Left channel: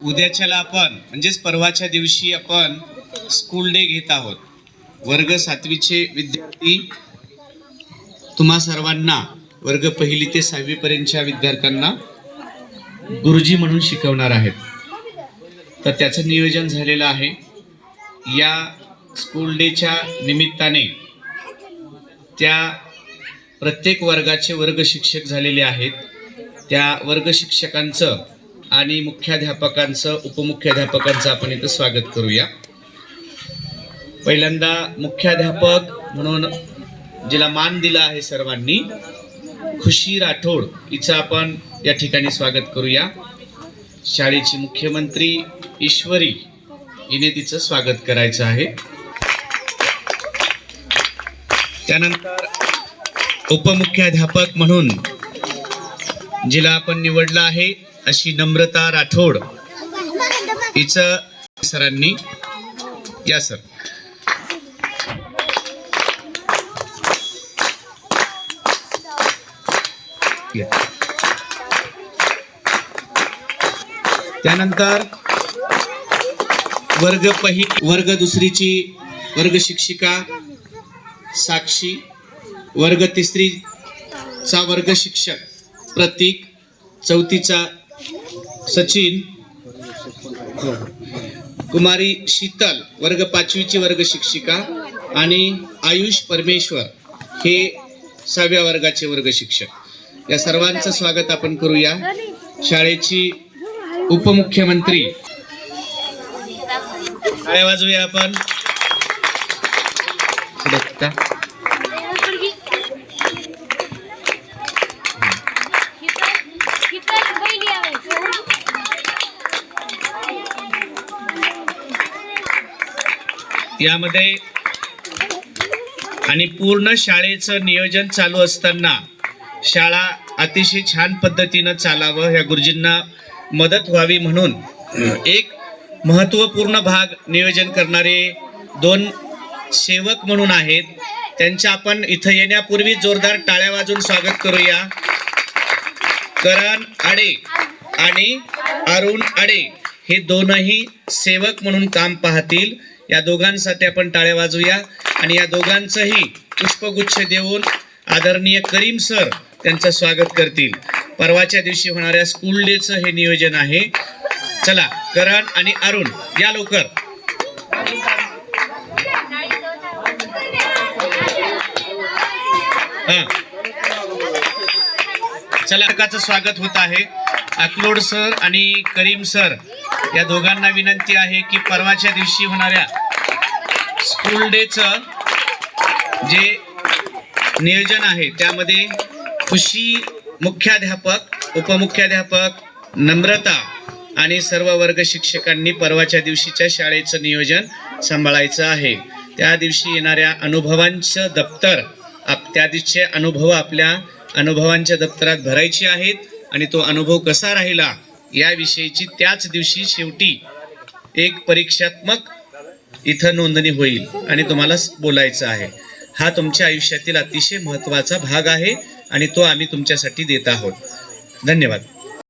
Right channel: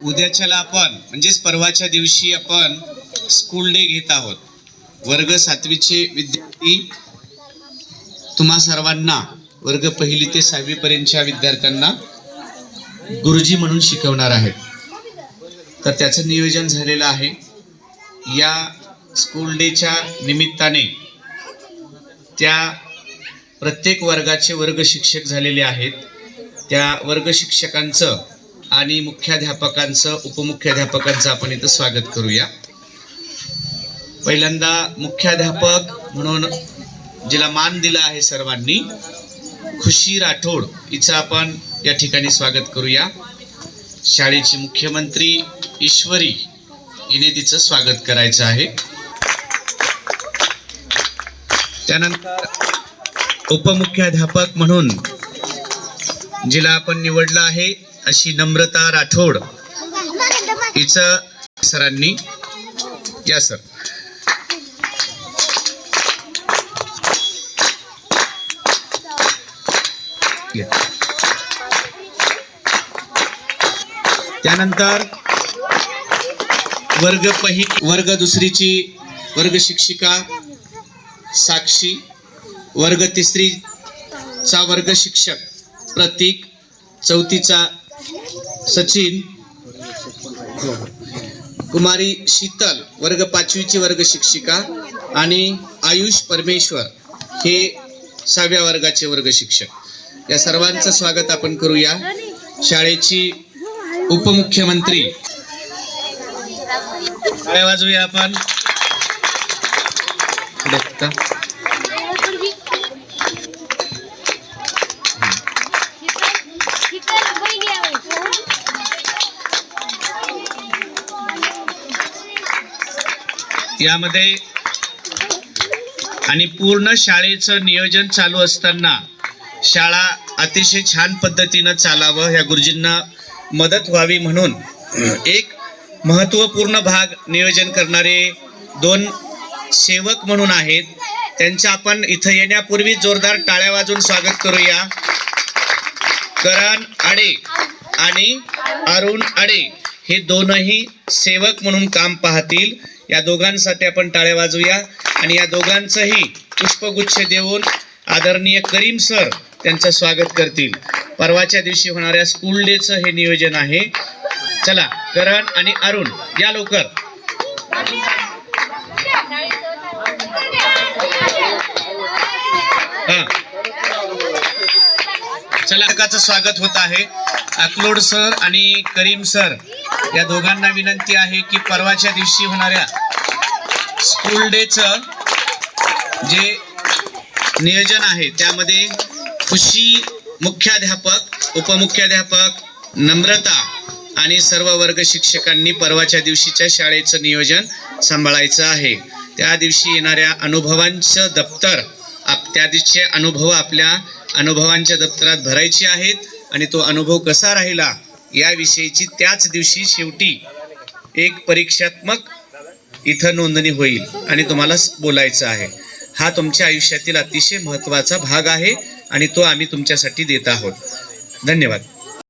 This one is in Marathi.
उद्याच्याला आपण म्हणजेच परवाच्या दिवशी आपण स्कूल डे घेत आहोत. वर्ग 7वीचे विद्यार्थी तुम्हा सर्वांना वर्ग 1 ते 6वी पर्यंतच्या विद्यार्थ्यांना गुरुजी म्हणून शिकवणार आहेत. तर त्याचं नियोजन झालेलं आहे. या स्कूल डेच्या निमित्ताने त्या प्रत्येक वर्गाचे वर्ग शिक्षक झालेले आहेत. त्या वर्ग शिक्षकांचं आणि मुख्याध्यापकांचं उपमुख्याध्यापकांचं आपण इथं स्वागत करूया. पहिल्यांदा मुख्याध्यापक म्हणून जिला मान दिला आहे सर्वांनी, खुशी राठोड हिचं आपण या ठिकाणी स्वागत करूया. शाळेची मुख्यमंत्री ईश्वरी हिने तिचं स्वागत करायचं आहे. त्यानंतर उपमुख्याध्यापक म्हणून जिला आपण निवडलं आहे अशी नम्रता राठोड हिचं सरांनी या सर त्यानंतर वर्ग 2ची वर्ग शिक्षिका साक्षी, वर्ग 3चा वर्ग शिक्षक प्रतीक, 4थीचा सचिन, कुमारी शीतल वर्ग 5वीची वर्ग शिक्षिका आणि आयुष परमेश्वर हे 6व्या वर्गाचे वर्ग शिक्षक. या सर्वांचं स्वागत आपण करूया. शाळेची उपमुख्यमंत्री काय वाजूया आपण यामध्ये आणि पूर्ण शाळेचं नियोजन चालू असताना शाळा अतिशय छान पद्धतीनं चालावं, या गुरुजींना मदत व्हावी म्हणून एक महत्त्वपूर्ण भाग नियोजन करणारे 2 सेवक म्हणून आहेत. त्यांचं आपण इथं येण्यापूर्वी जोरदार टाळ्या वाजवून स्वागत करूया. करण आडे आणि अरुण आडे हे दोनही सेवक म्हणून काम पाहतील. या दोघांसाठी आपण टाळ्या वाजवूया आणि या दोघांचंही पुष्पगुच्छ देऊन आदरणीय करीम सर त्यांचं स्वागत करतील. परवाच्या दिवशी होणाऱ्या स्कूल डेचं हे नियोजन आहे. चला करण आणि अरुण या लवकर. चला काचं स्वागत होत आहे. अकलोड सर आणि करीम सर या दोघांना विनंती आहे की परवाच्या दिवशी होणाऱ्या स्कूल डेचं जे नियोजन आहे त्यामध्ये खुशी मुख्याध्यापक, उपमुख्याध्यापक, नम्रता आणि सर्व वर्ग शिक्षकांनी परवाच्या दिवशीच्या शाळेचं नियोजन सांभाळायचं आहे. त्या दिवशी येणाऱ्या अनुभवांचं दप्तर त्या दिवशीचे अनुभव आपल्या अनुभवांच्या दप्तरात भरायचे आहेत आणि तो अनुभव कसा राहिला याविषयीची त्याच दिवशी शेवटी एक परीक्षात्मक इथं नोंदणी होईल आणि तुम्हाला बोलायचं आहे. हा तुमच्या आयुष्यातील अतिशय महत्त्वाचा भाग आहे आणि तो आम्ही तुमच्यासाठी देत आहोत. धन्यवाद.